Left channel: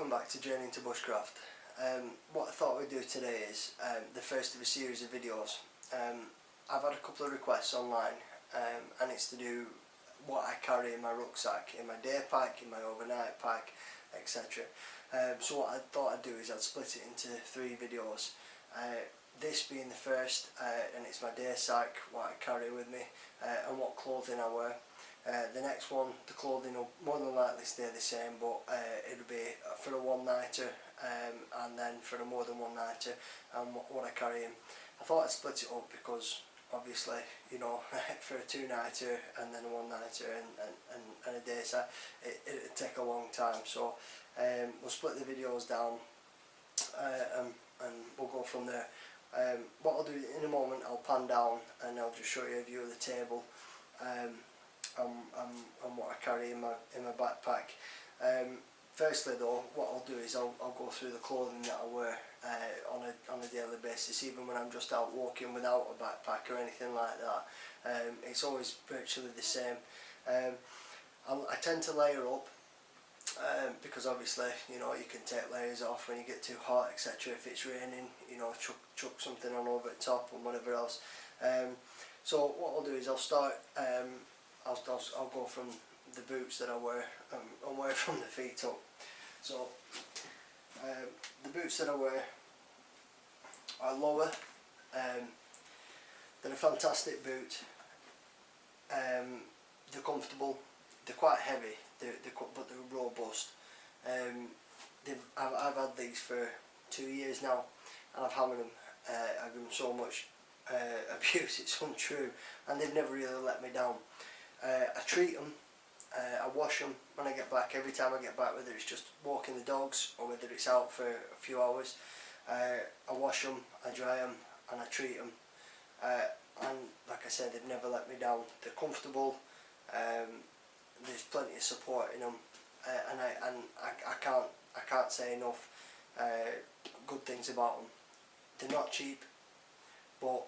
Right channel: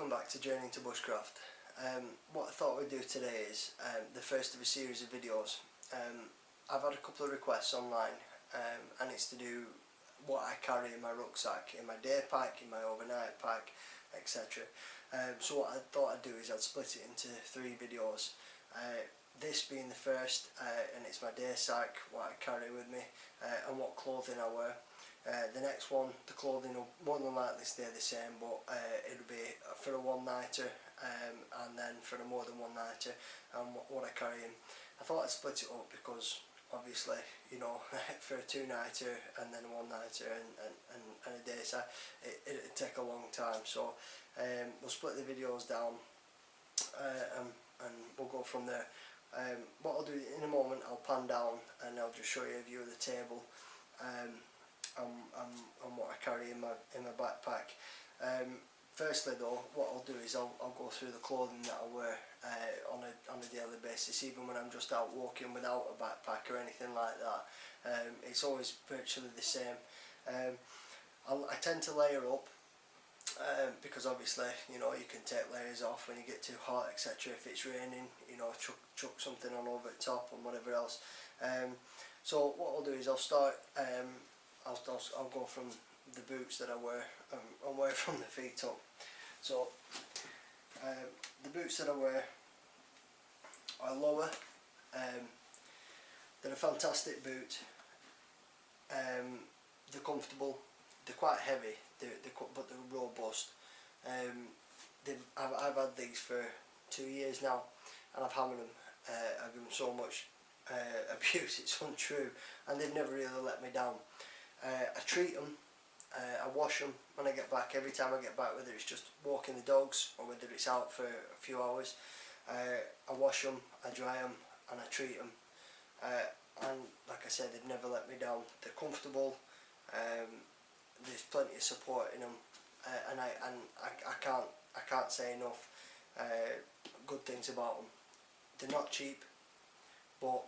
welcome back to Journey into Bushcraft. What I thought we'd do today is the first of a series of videos. I've had a couple of requests online and it's to do what I carry in my rucksack, in my day pack, in my overnight pack, etc. So what I thought I'd do is I'd split it into 3 videos. This being the first, and it's my day sack, what I carry with me, and what clothing I wear. The next one, the clothing will more than likely stay the same, but it'll be for a one-nighter and then for a more than one-nighter and what I carry in. I thought I'd split it up because obviously, you know, for a 2-nighter and then a 1-nighter and a day sack, it'd take a long time. So we'll split the videos down and we'll go from there. What I'll do in a moment, I'll pan down and I'll just show you a view of the table and what I carry in my backpack. Firstly though, what I'll do is I'll go through the clothing that I wear on a daily basis, even when I'm just out walking without a backpack or anything like that. It's always virtually the same. I tend to layer up because obviously, you know, you can take layers off when you get too hot, etc. If it's raining, you know, chuck something on over the top and whatever else. So what I'll do is I'll start. I'll go from the boots that I wear and wear from the feet up. So the boots that I wear are lower. They're a fantastic boot. They're comfortable. They're quite heavy. But they're robust. I've had these for 2 years now, and I've hammered them. I give them so much abuse, it's untrue, and they've never really let me down. I treat them, I wash them when I get back, every time I get back, whether it's just walking the dogs or whether it's out for a few hours. I wash them, I dry them, and I treat them. And like I said, they've never let me down. They're comfortable, there's plenty of support in them, and I can't say enough good things about them. They're not cheap, but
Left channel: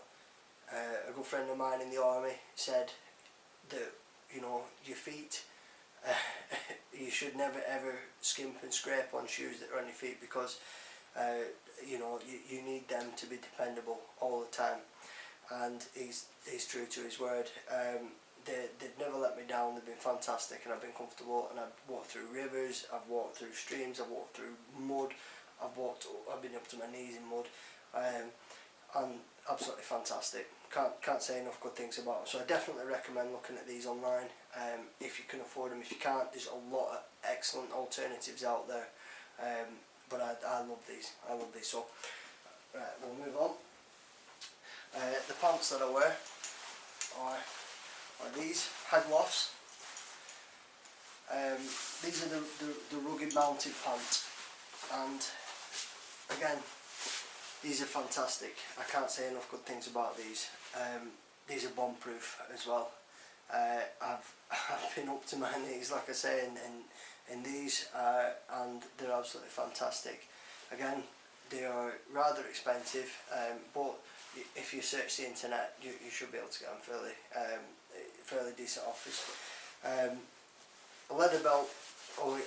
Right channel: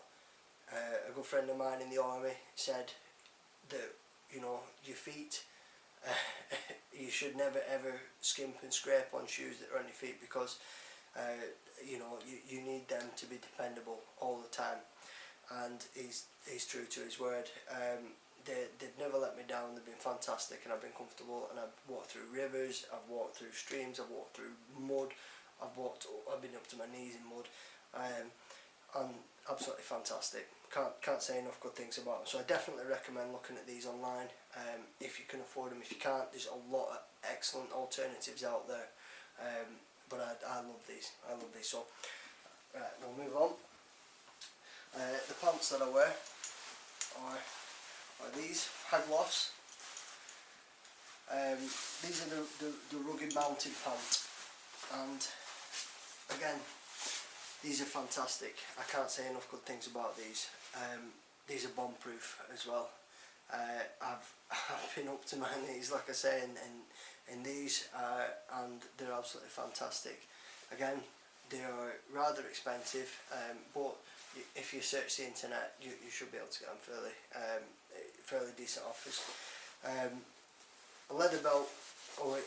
a good friend of mine in the army said that, you know, your feet, you should never ever skimp and scrape on shoes that are on your feet, because you know, you need them to be dependable all the time, and he's true to his word. They've never let me down. They've been fantastic, and I've been comfortable, and I've walked through rivers, I've walked through streams, I've walked through mud, I've been up to my knees in mud, and absolutely fantastic. Can't say enough good things about them. So I definitely recommend looking at these online if you can afford them. If you can't, there's a lot of excellent alternatives out there, but I love these. So right, we'll move on. The pants that I wear are these Hagloffs. These are the rugged mountain pants, and again, these are fantastic. I can't say enough good things about these. These are bomb proof as well. I've been up to my knees, like I say, in these, and they're absolutely fantastic. Again, they are rather expensive, but if you search the internet, you should be able to get them fairly decent offers. A leather belt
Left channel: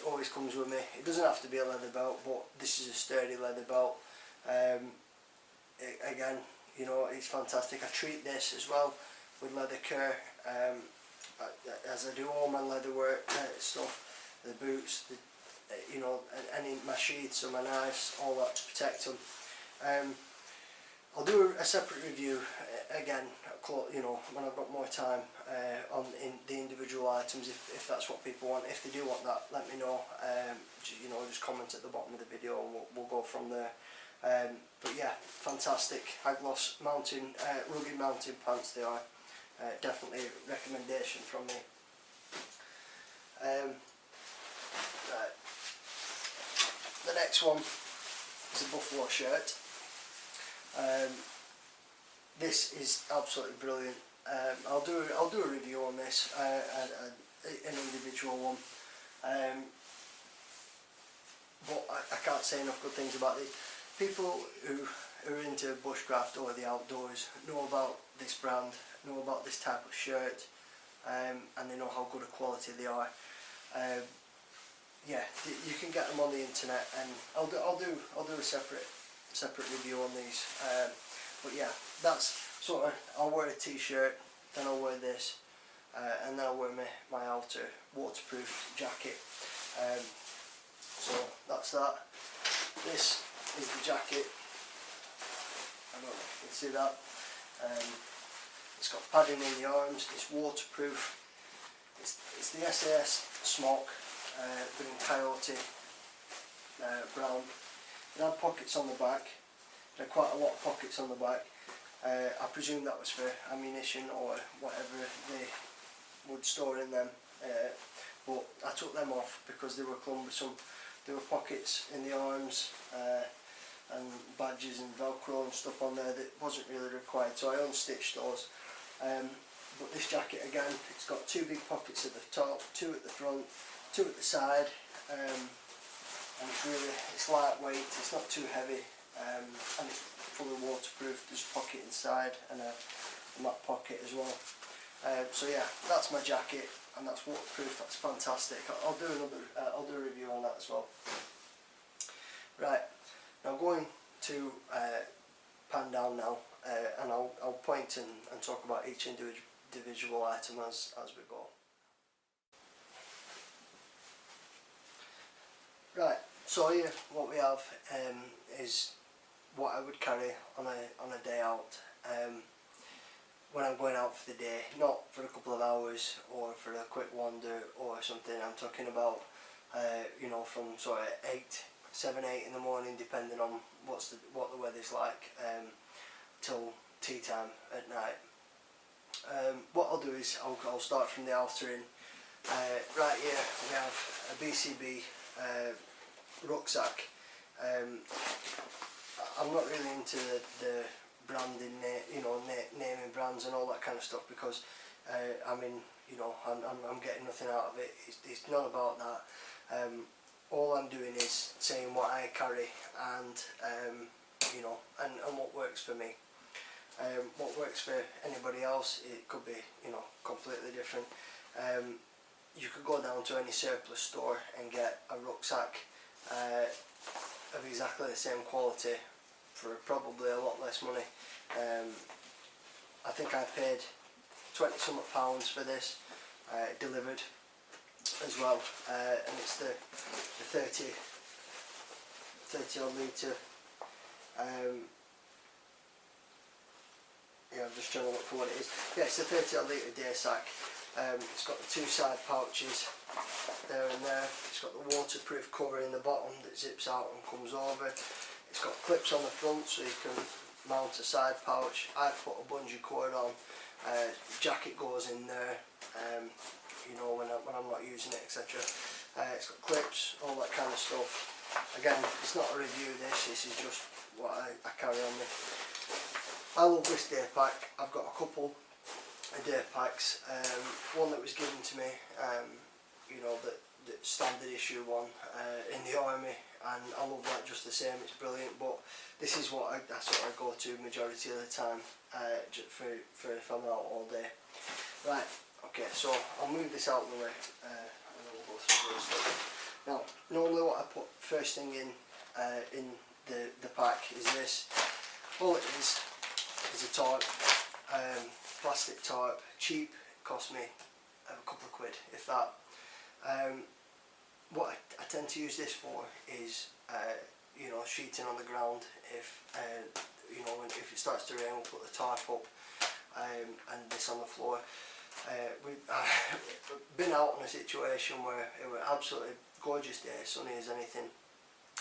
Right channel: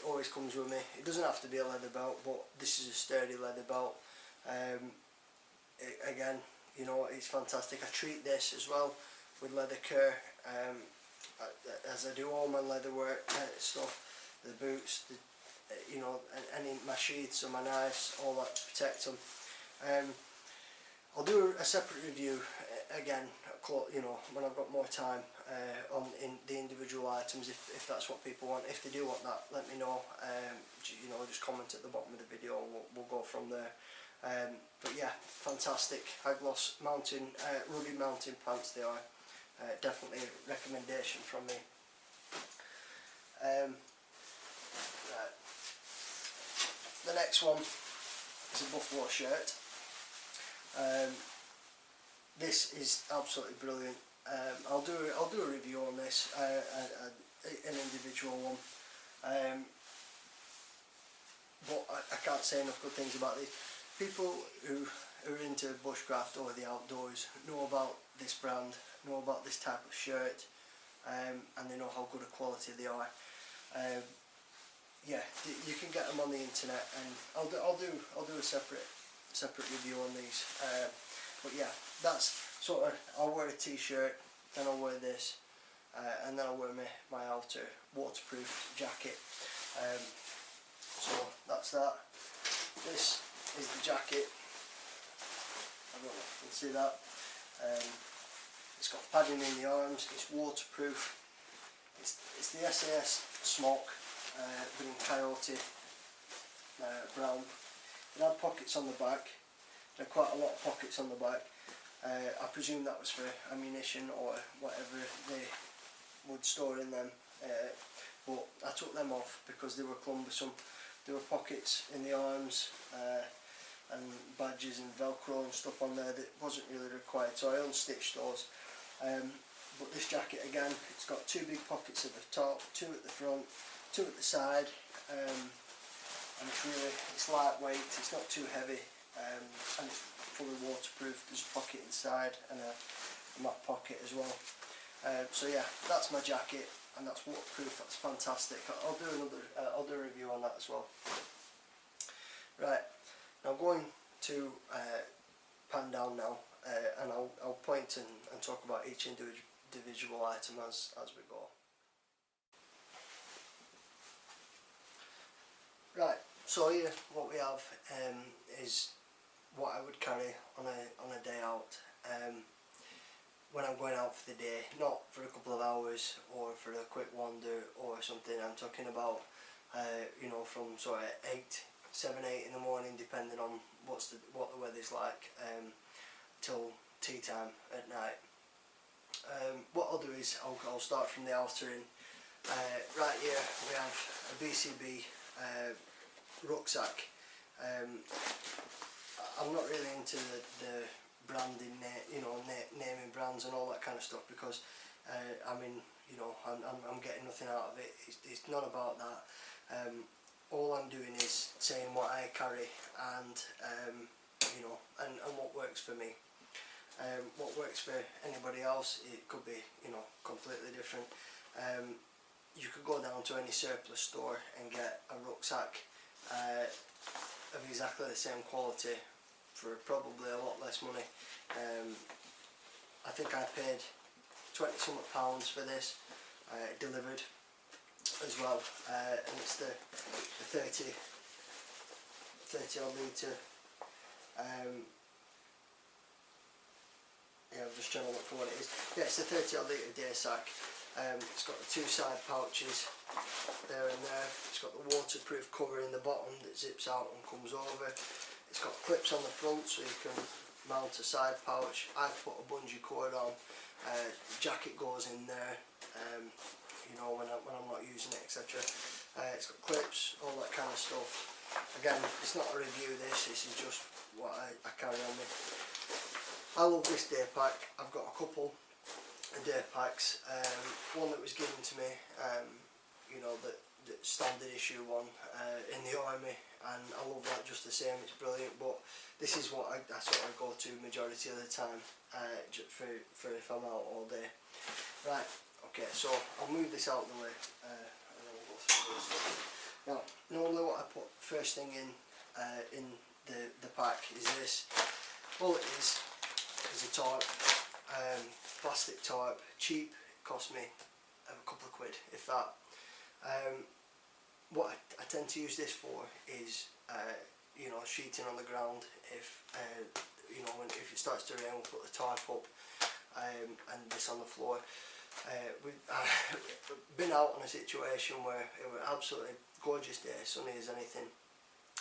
always comes with me. It doesn't have to be a leather belt, but this is a sturdy leather belt. Again, you know, it's fantastic. I treat this as well with leather care, as I do all my leather work stuff, the boots, you know, any my sheaths and my knives, all that to protect them. I'll do a separate review again, you know, when I've got more time on the individual items, if that's what people want. If they do want that, let me know. You know, just comment at the bottom of the video and we'll go from there. But yeah, fantastic Hagloss rugged mountain pants they are. Definitely a recommendation from me. Right. The next one is a buffalo shirt. This is absolutely brilliant. I'll do a review on this, an individual one. But I can't say enough good things about these. People who are into bushcraft or the outdoors know about this brand, know about this type of shirt, and they know how good a quality they are. yeah, you can get them on the internet, and I'll do a separate review on these. But yeah, that's sort of, I'll wear a t-shirt, then I'll wear this, and then I'll wear my outer waterproof jacket. So that's that. This is the jacket. I don't know if you can see that. It's got padding in the arms. It's waterproof. It's the SAS smock, but in coyote brown. It had pockets on the back. It had quite a lot of pockets on the back. I presume that was for ammunition or whatever they would store in them. But I took them off because they were cumbersome. There were pockets in the arms and badges and velcro and stuff on there that wasn't really required, so I unstitched those. But this jacket again, it's got 2 big pockets at the top, 2 at the front, 2 at the side, and it's lightweight, it's not too heavy, and it's fully waterproof. There's a pocket inside and a mat pocket as well. So yeah, that's my jacket, and that's waterproof. That's fantastic. I'll do a review on that as well. Right, now I'm going to pan down now, and I'll point and talk about each individual item as we go. Right, so here what we have is what I would carry on a day out. When I'm going out for the day, not for a couple of hours or for a quick wander or something. I'm talking about you know, from sort of 7, 8 in the morning, depending on what the weather's like, till tea time at night. What I'll do is I'll start from the outer in. Right here we have a BCB rucksack. I'm not really into the branding, you know, naming brands and all that kind of stuff, because I mean, you know, I'm getting nothing out of it. It's not about that. All I'm doing is saying what I carry, and you know, and what works for me. What works for anybody else, it could be, you know, completely different. You could go down to any surplus store and get a rucksack of exactly the same quality for probably a lot less money. I think I paid £20 pounds for this, delivered as well, and it's the 30 odd litre. Yeah, I'm just trying to look for what it is. Yeah, it's a 30 odd litre daysack. It's got the 2 side pouches there and there. It's got the waterproof cover in the bottom that zips out and comes over. It's got clips on the front so you can mount a side pouch. I've put a bungee cord on. Jacket goes in there, you know, when I'm not using it, etc. It's got clips, all that kind of stuff. Again, it's not a review. This is just what I carry on me. I love this day pack. I've got a couple of day packs. One that was given to me, you know, the standard issue one in the army, and I love that just the same. It's brilliant. But this is what I sort of go to majority of the time, for if I'm out all day. Right. Okay. So I'll move this out of the way, and then we'll go through this stuff. Now, normally what I put first thing in the pack is this. All it is a tarp, plastic tarp, cheap. It cost me a couple of quid, if that. What I tend to use this for is, you know, sheeting on the ground. If you know, if it starts to rain, we'll put the tarp up, and this on the floor. We've been out on a situation where it was absolutely gorgeous day, sunny as anything,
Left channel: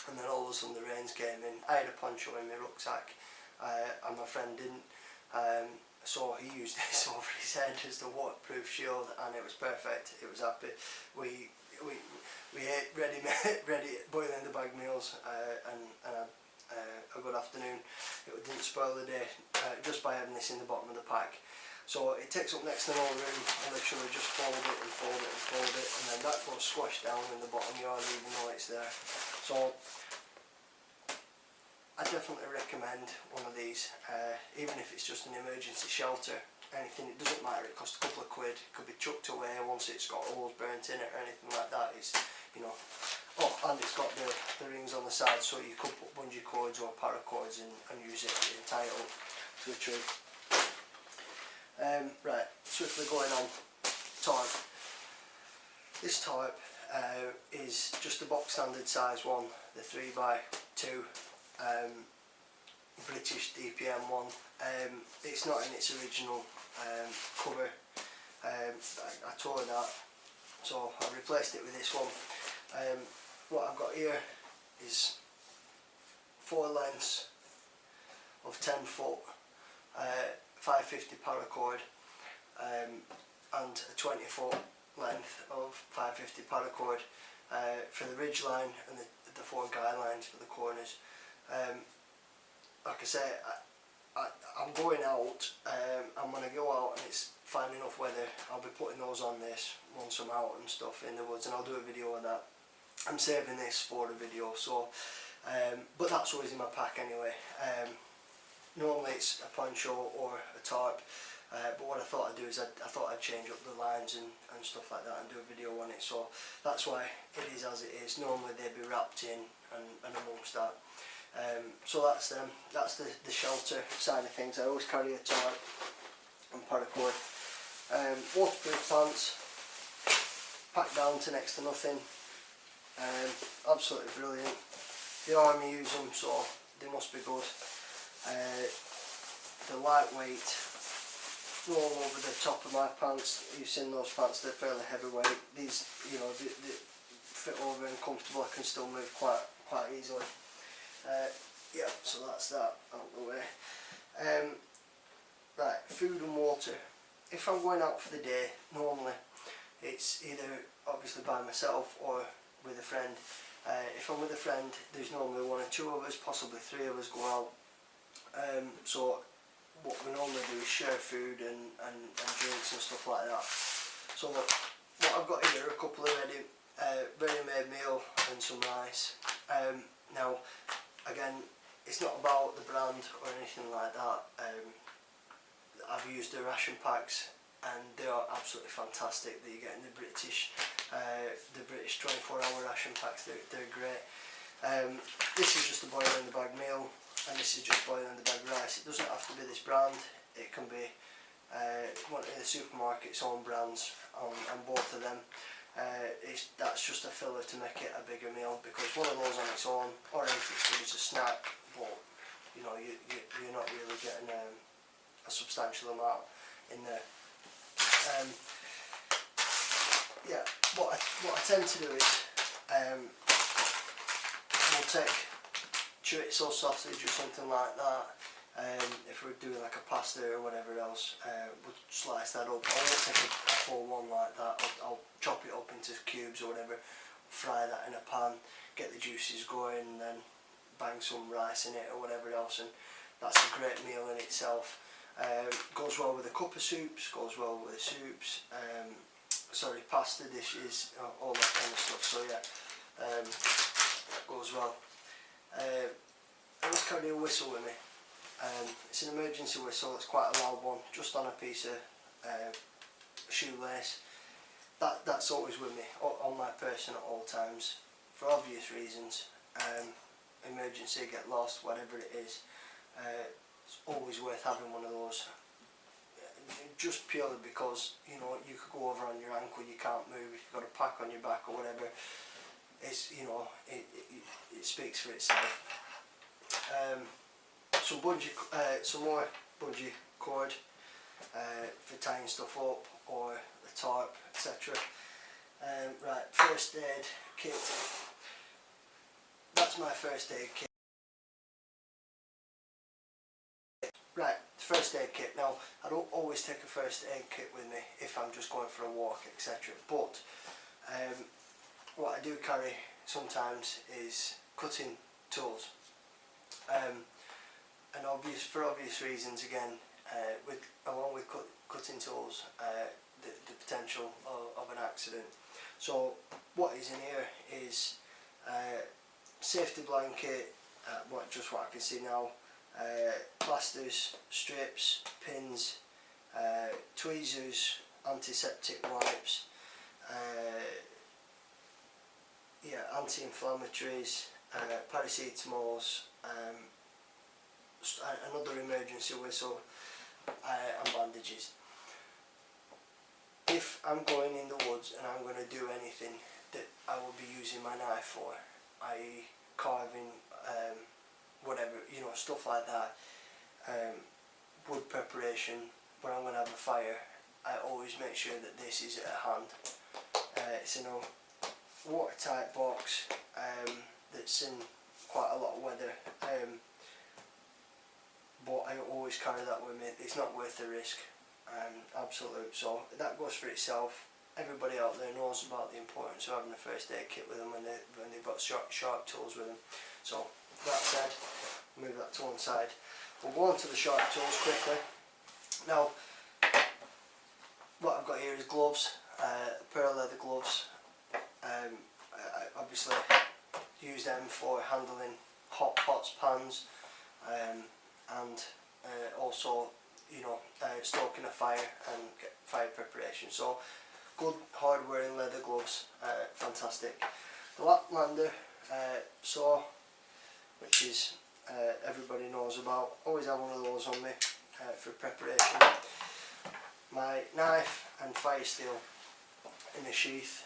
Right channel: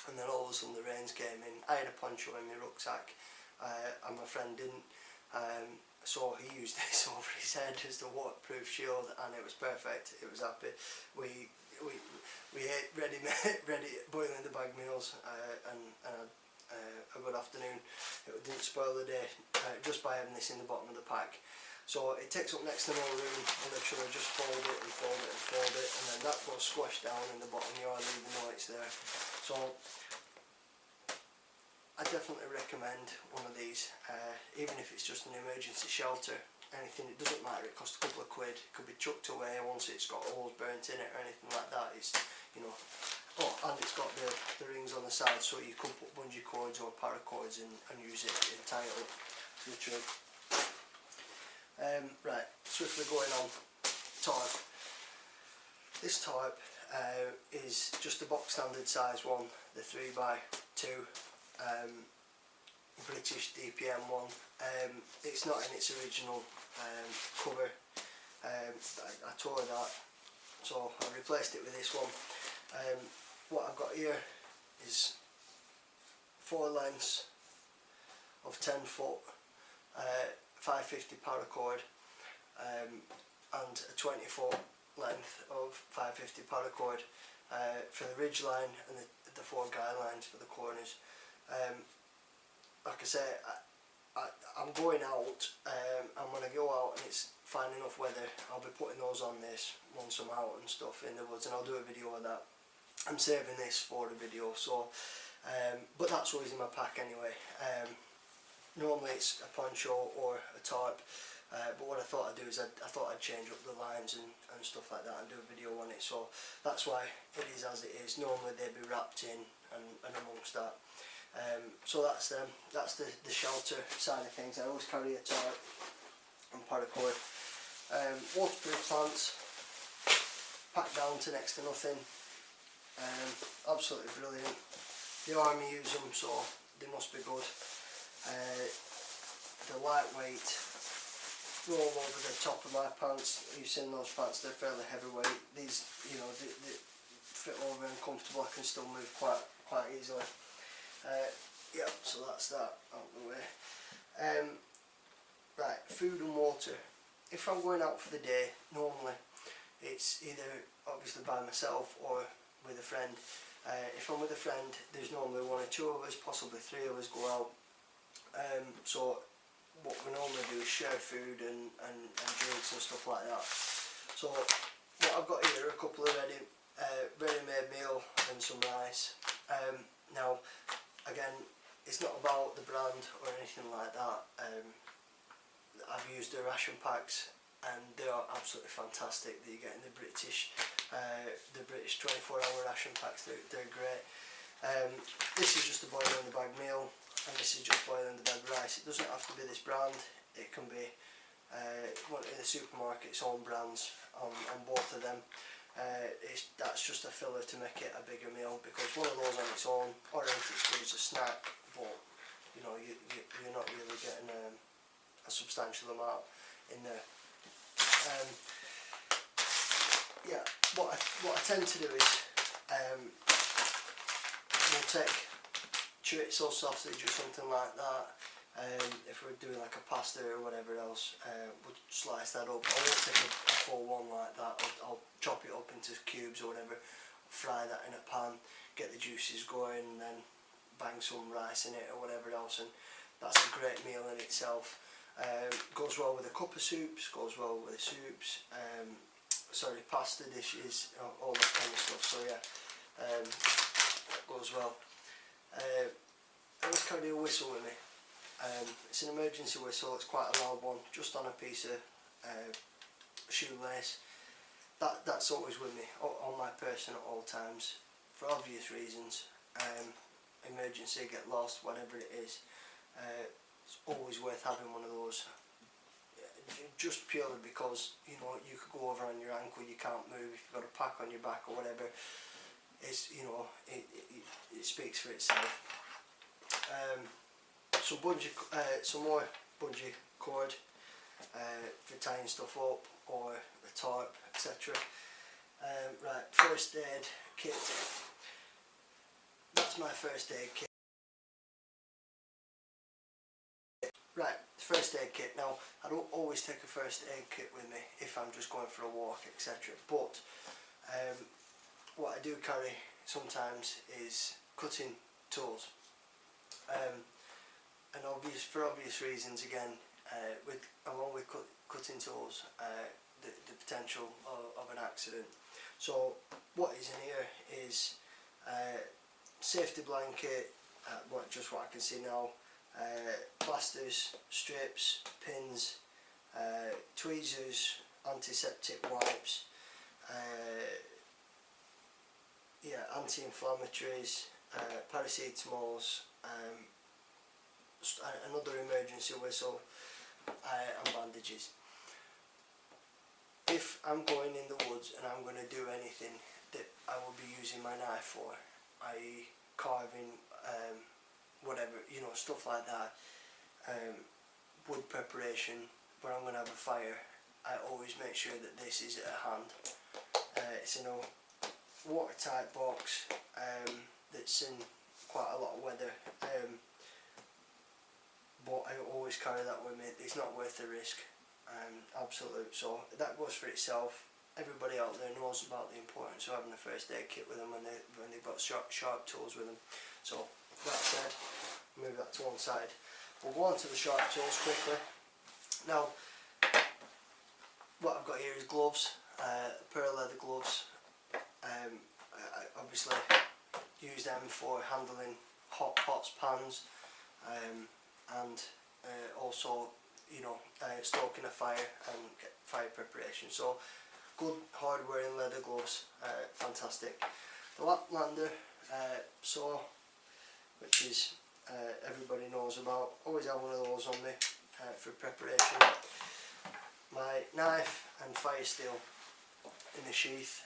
and then all of a sudden the rains came in. I had a poncho in my rucksack, and my friend didn't, so he used this over his head as the waterproof shield, and it was perfect. It was happy. We ate ready boiling the bag meals, and had a good afternoon. It didn't spoil the day just by having this in the bottom of the pack. So it takes up next to no room. I literally just fold it and fold it and fold it, and then that goes squashed down in the bottom. You hardly even know it's there. So I definitely recommend one of these, even if it's just an emergency shelter. Anything, it doesn't matter. It costs a couple of quid. It could be chucked away once it's got holes burnt in it or anything like that. It's, you know. Oh, and it's got the rings on the side, so you could put bungee cords or paracords in and use it and tie it up to a tree. Right, swiftly going on tarp. This tarp is just a box standard size one, the 3x2 British DPM one. It's not in its original cover. I tore that, so I replaced it with this one. What I've got here is 4 lengths of 10 foot 550 paracord and a 20 foot length of 550 paracord for the ridge line and the 4 guide lines for the corners. Like I say, I'm going out, and when I go out and it's fine enough weather, I'll be putting those on this once I'm out and stuff in the woods, and I'll do a video of that. I'm saving this for a video, so but that's always in my pack anyway. Normally it's a poncho or a tarp, but what I thought I'd do is I thought I'd change up the lines and stuff like that and do a video on it, so that's why it is as it is. Normally they'd be wrapped in and amongst that. So that's them. That's the shelter side of things. I always carry a tarp and paracord. Waterproof plants, packed down to next to nothing. Absolutely brilliant. The army use them, so they must be good. They're lightweight, roll over the top of my pants. You've seen those pants, they're fairly heavyweight. These, you know, they fit over and comfortable. I can still move quite easily. Yeah, so that's that out of the way. Right, food and water. If I'm going out for the day, normally it's either obviously by myself or with a friend. If I'm with a friend, there's normally 1 or 2 of us, possibly 3 of us go out. So what we normally do is share food and drinks and stuff like that. So what I've got here are a couple of ready-made meal and some rice. Now, again, it's not about the brand or anything like that. I've used the ration packs and they are absolutely fantastic that you get in the British 24-hour ration packs. They're great. This is just a boil in the bag meal, and this is just boil in the bag rice. It doesn't have to be this brand. It can be one in the supermarket's own brands on both of them. That's just a filler to make it a bigger meal, because one of those on its own, or anything it's good as a snack, but you know, you're not really getting a substantial amount in there. Yeah, what I tend to do is we'll take chorizo sausage or something like that. If we're doing like a pasta or whatever else, we'll slice that up. I won't take a full one like that. I'll chop it up into cubes or whatever, fry that in a pan, get the juices going, and then bang some rice in it or whatever else, and that's a great meal in itself. Goes well with a cup of soups, goes well with soups, pasta dishes, all that kind of stuff. So yeah, that goes well. I always carry a whistle with me. It's an emergency whistle. It's quite a loud one, just on a piece of shoelace. That's always with me on my person at all times, for obvious reasons. Emergency, get lost, whatever it is. It's always worth having one of those, just purely because, you know, you could go over on your ankle, you can't move, if you've got a pack on your back or whatever. It's, you know, it speaks for itself. Some more bungee cord for tying stuff up, or the tarp, etc. Right, first aid kit. That's my first aid kit. Right, first aid kit. Now, I don't always take a first aid kit with me if I'm just going for a walk, etc. But what I do carry sometimes is cutting tools. And for obvious reasons, again, along with cutting tools, the potential of an accident. So what is in here is safety blanket, just what I can see now, plasters, strips, pins, tweezers, antiseptic wipes, yeah, anti-inflammatories, paracetamols, another emergency whistle, and bandages. If I'm going in the woods and I'm going to do anything that I will be using my knife for, i.e. carving, whatever, you know, stuff like that, wood preparation, when I'm going to have a fire, I always make sure that this is at hand. It's in a watertight box that's in quite a lot of weather, but I always carry that with me. It's not worth the risk, absolute. So that goes for itself. Everybody out there knows about the importance of having a first aid kit with them when they've got sharp tools with them. So that said, move that to one side. We'll go on to the sharp tools quickly. Now, what I've got here is gloves, a pair of leather gloves. I obviously use them for handling hot pots, pans, and also, you know, stoking a fire and fire preparation. So good hard wearing leather gloves, fantastic. The Laplander saw, which is everybody knows about. Always have one of those on me for preparation. My knife and fire steel in a sheath.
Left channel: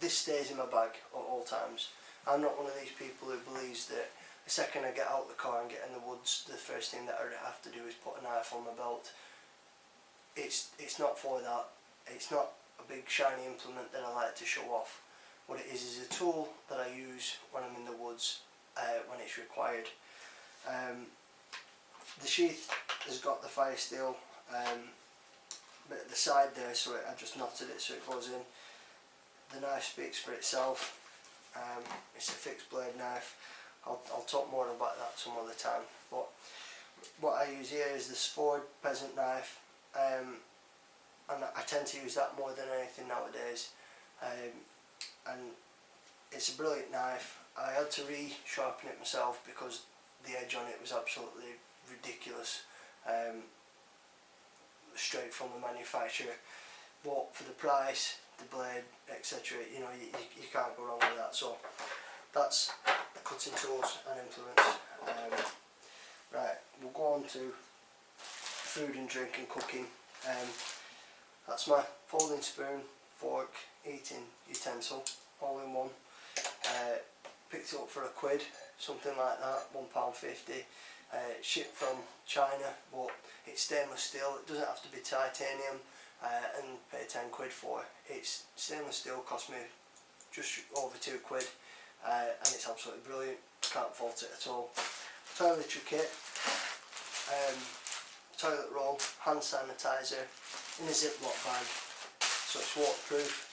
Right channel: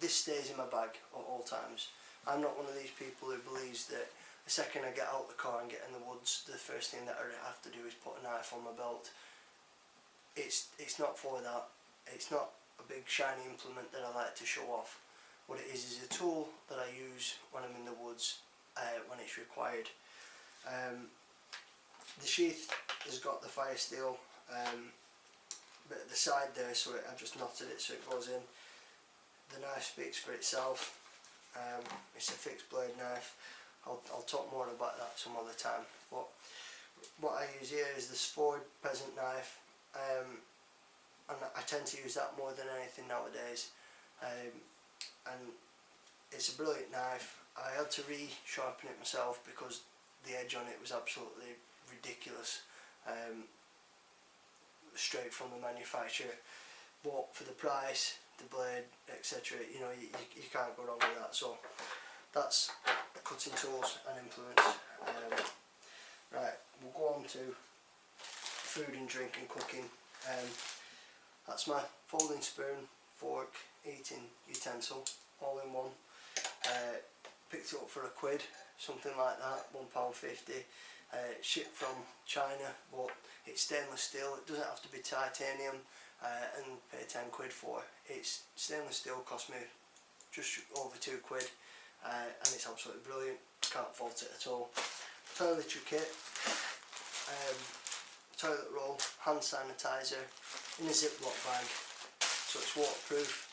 This stays in my bag at all times. I'm not one of these people who believes that the second I get out of the car and get in the woods, the first thing that I have to do is put a knife on my belt. It's not for that. It's not a big shiny implement that I like to show off. What it is a tool that I use when I'm in the woods, when it's required. The sheath has got the fire steel bit at the side there, so I just knotted it so it goes in. The knife speaks for itself. It's a fixed blade knife. I'll talk more about that some other time. But what I use here is this Ford peasant knife, and I tend to use that more than anything nowadays. And it's a brilliant knife. I had to re-sharpen it myself because the edge on it was absolutely ridiculous, straight from the manufacturer. But for the price, the blade, etc., you know, you can't go wrong with that. So that's the cutting tools and implements. Right, we'll go on to food and drink and cooking. That's my folding spoon, fork, eating utensil, all in one. Picked it up for £1, something like that, £1.50. Shipped from China, but it's stainless steel. It doesn't have to be titanium, and pay £10 for. It's stainless steel, cost me just over £2, and it's absolutely brilliant. Can't fault it at all. Toiletry kit, toilet roll, hand sanitizer in a Ziploc bag, so it's waterproof,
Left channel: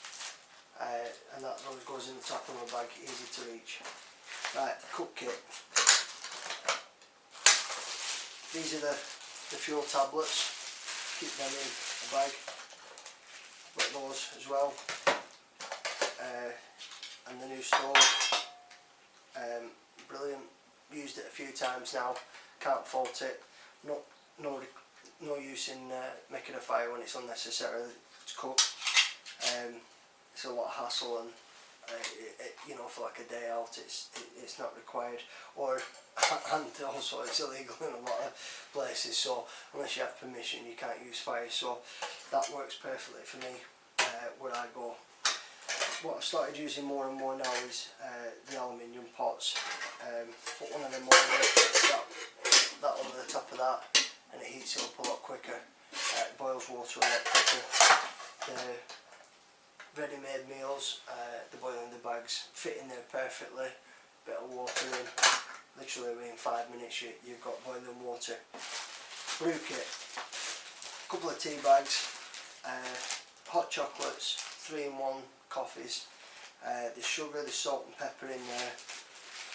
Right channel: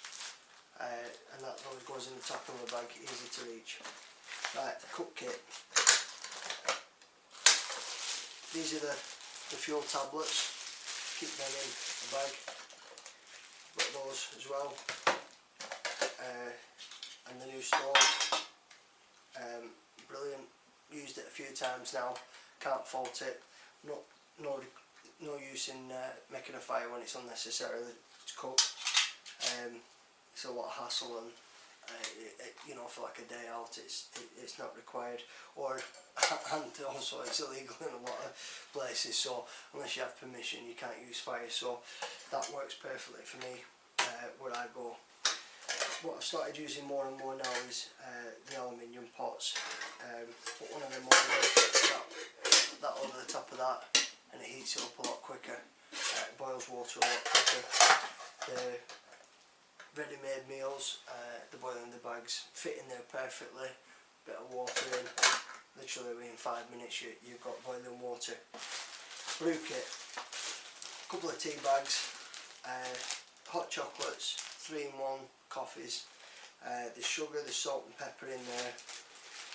and that always goes in the top of my bag, easy to reach. Right, cook kit. These are the fuel tablets. Keep them in the bag. Got those as well. And the new stove. Brilliant. Used it a few times now. Can't fault it. No use in making a fire when it's unnecessary to cook. It's a lot of hassle, and you know, for like a day out, it's not required, and also it's illegal in a lot of places. So unless you have permission, you can't use fire. So that works perfectly for me where I go. What I've started using more and more now is the aluminium pots. Put one of them over that over the top of that, and it heats it up a lot quicker. It boils water a lot quicker. The ready-made meals, the boil in the bags, fit in there perfectly. Bit of water in, literally within 5 minutes you've got boiling water. Brew kit, a couple of tea bags, hot chocolates, 3-in-1 coffees, there's sugar, there's salt and pepper in there,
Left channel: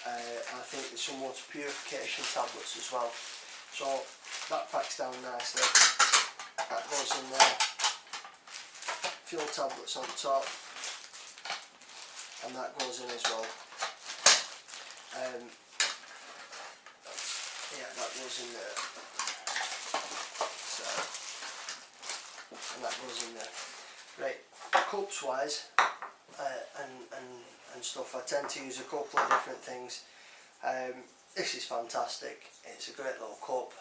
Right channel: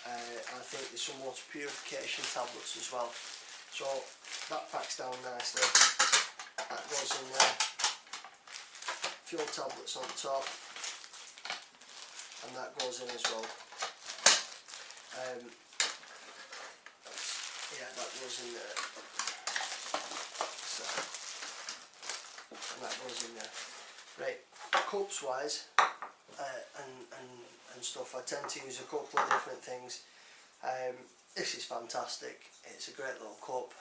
I think there's some water purification tablets as well. So that packs down nicely, that goes in there. Fuel tablets on top, and that goes in as well. Yeah, that goes in there. So, and that goes in there. Right, cups wise, and stuff. I tend to use a couple of different things. This is fantastic. It's a great little cup.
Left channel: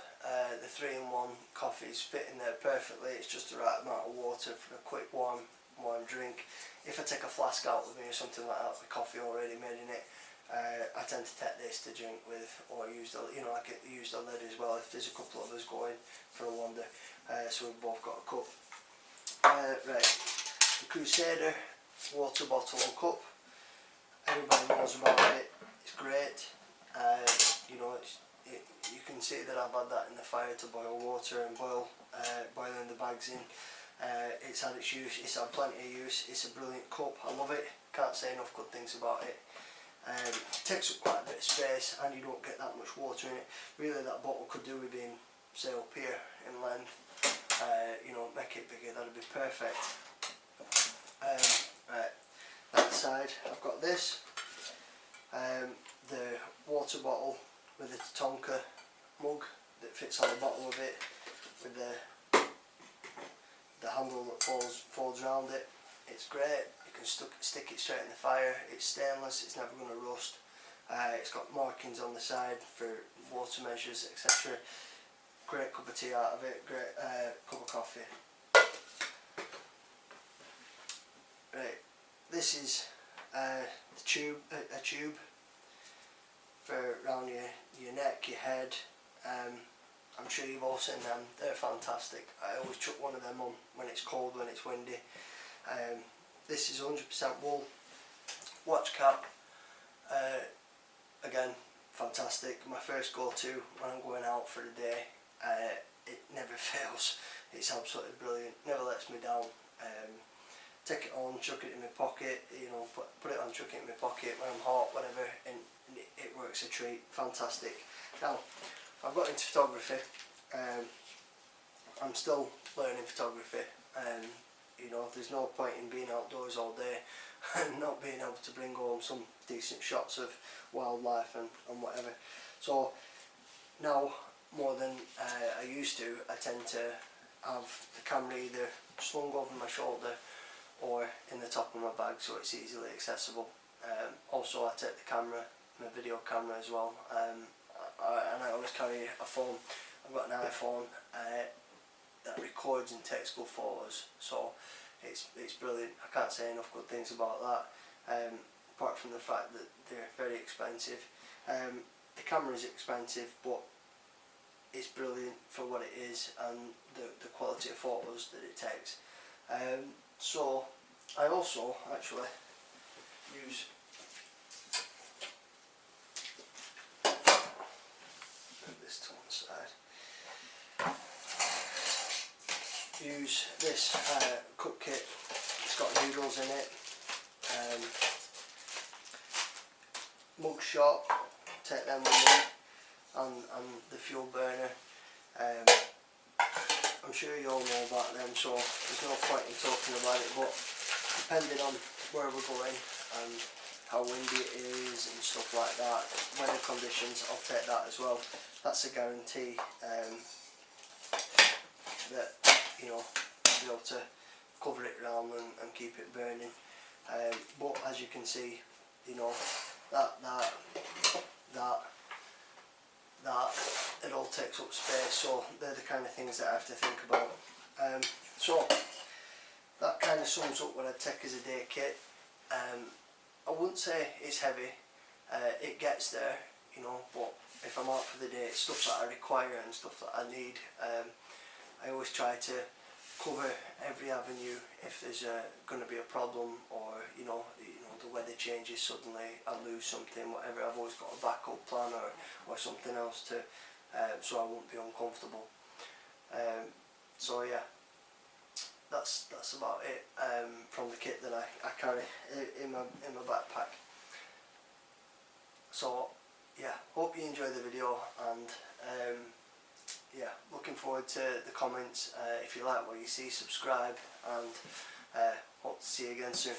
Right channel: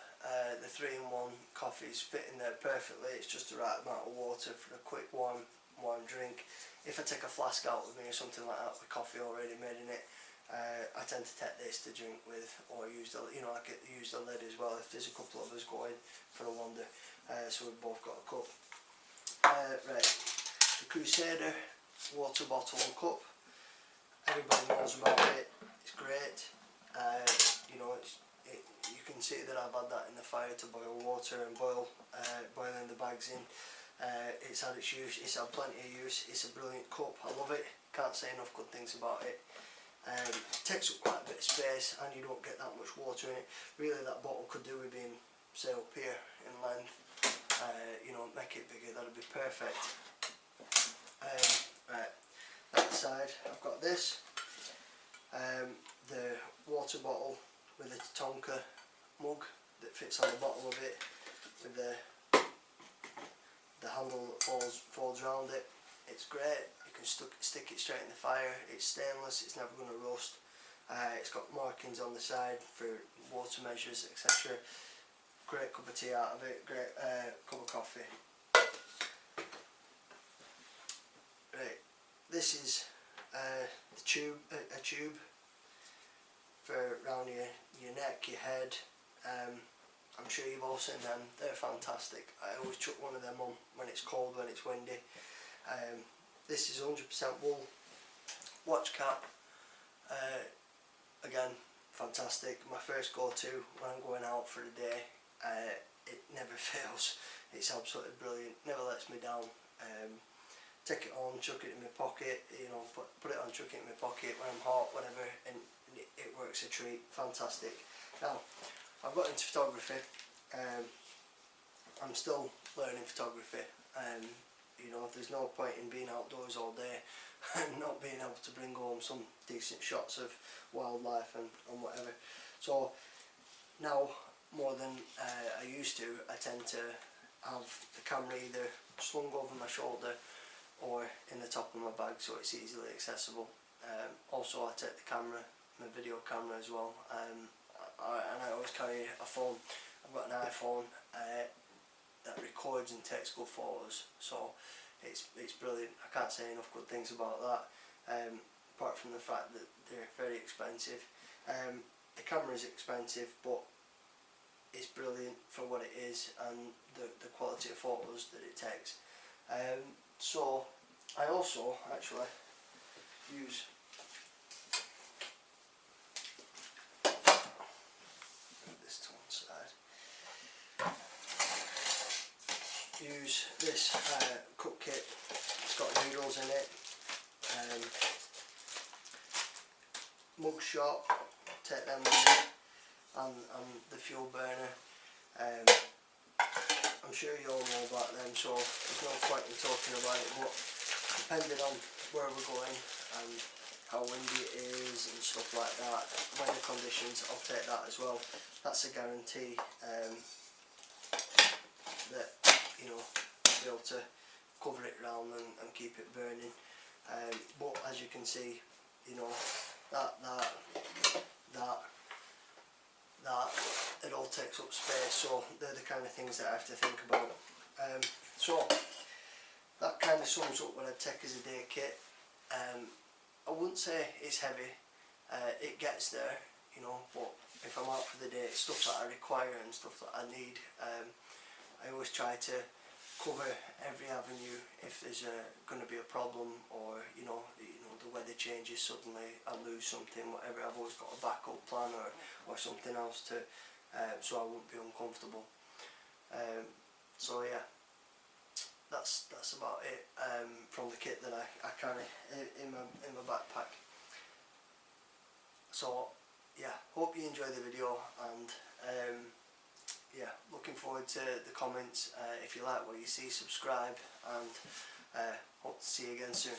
The 3-in-1 coffees fit in there perfectly. It's just the right amount of water for a quick warm drink. If I take a flask out with me or something like that with coffee already made in it, I tend to take this to drink with, or use the, I could use the lid as well if there's a couple of us going for a wander. So we've both got a cup. Right, the Crusader water bottle and cup. Everybody knows about it. It's great. You can see that I've had that in the fire to boil water and boiling the bags in. It's had its use. It's had plenty of use. It's a brilliant cup. I love it. Can't say enough good things about it. It takes up quite a bit of space and you don't get that much water in it. Really, that bottle could do with being, say, up here in length. Make it bigger, that'd be perfect. Right, that side I've got this, the water bottle with the Tonka mug that fits on the bottom of it, with the handle that folds around it. It's great. You can stick it straight in the fire. It's stainless. It's never going to rust. It's got markings on the side for water measures, etc. Great cup of tea out of it. Great cup of coffee. Right, this is a tube for around your neck, your head. I'm sure you've all seen them. They're fantastic. I always chuck one of them on when it's cold, when it's windy. This is 100% wool. Watch cap. Again, fantastic. My first go-to when I'm going out for the day. It never fails. It's absolutely brilliant. Never lets me down. Take it on, chuck it in my pocket. Put it on, chuck it in my pocket when I'm hot, whatever, and it works a treat. Fantastic. Now, I've got into photography. I'm still learning photography. There's no point in being outdoors all day and not being able to bring home some decent shots of wildlife and whatever. So now, more than I used to, I tend to have the camera either slung over my shoulder or in the top of my bag so it's easily accessible. Also, I take the camera, my video camera as well, and I always carry a phone. I've got an iPhone that records and takes good photos, so it's brilliant. I can't say enough good things about that, apart from the fact that they're very expensive. The camera is expensive, but it's brilliant for what it is and the quality of photos that it takes. So I also actually use this to one side. Use this cook kit. It's got noodles in it. Mug shot. Take them with me, and the fuel burner. I'm sure you all know about them, so there's no point in talking about it, but depending on where we're going and how windy it is and stuff like that, weather conditions, I'll take that as well. That's a guarantee that I'll be able to cover it around and keep it burning. But as you can see, that it all takes up space, so they're the kind of things that I have to think about. So that kind of sums up what I'd take as a day kit. I wouldn't say it's heavy. It gets there, but if I'm out for the day, it's stuff that I require and stuff that I need. I always try to cover every avenue if there's going to be a problem, or the weather changes suddenly, I lose something, whatever. I've always got a backup plan or something else to so I won't be uncomfortable. So yeah, that's about it from the kit that I carry in my backpack. So yeah, hope you enjoy the video, and yeah, looking forward to the comments. If you like what you see, subscribe, and hope to see you again soon.